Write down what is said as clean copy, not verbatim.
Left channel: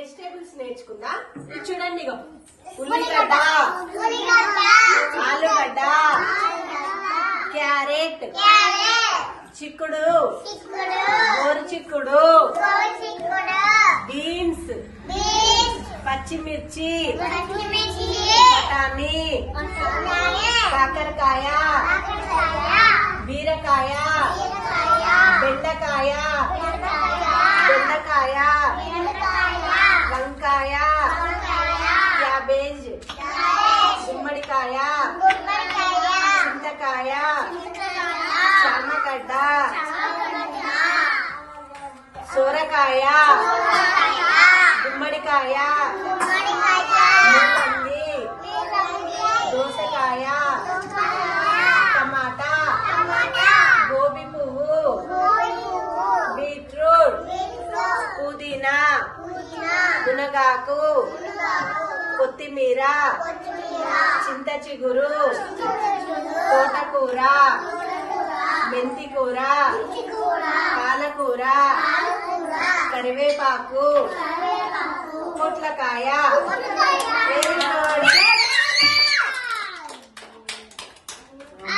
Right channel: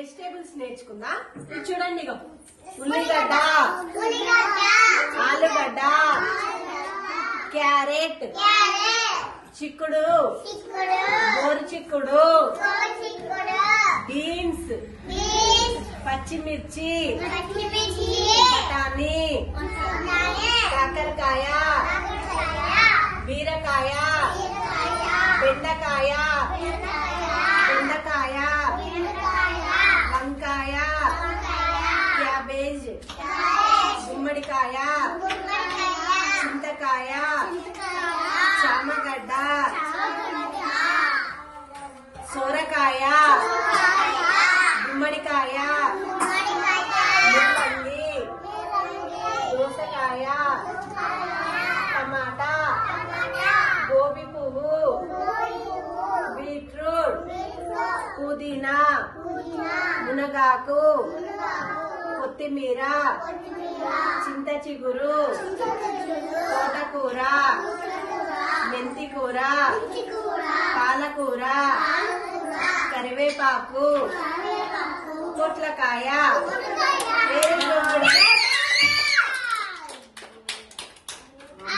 Vegetables నేర్చుకుందా. ఇది చూడండి, ఉల్లిగడ్డ, ఆలుగడ్డ, క్యారెట్, చిక్కుడు, గోరు చిక్కుడు, బీన్స్, పచ్చిమిర్చి, బఠానీ, కాకరకాయ, బీరకాయ, బెండకాయ, దొండకాయ, వంకాయ, క్యాబేజ్, గుమ్మడికాయ, చింతకాయ, చామగడ్డ, సోరకాయ, గుమ్మడికాయ, ముల్లంగి, దోసకాయ, టమాటా, గోబీ పువ్వు, బీట్రూట్, పుదీనా, మునగాకు, కొత్తిమీర, చింత చిగురు, తోటకూర, మెంతి కూర, పాలకూర, కరివేపాకు, పొట్లకాయ,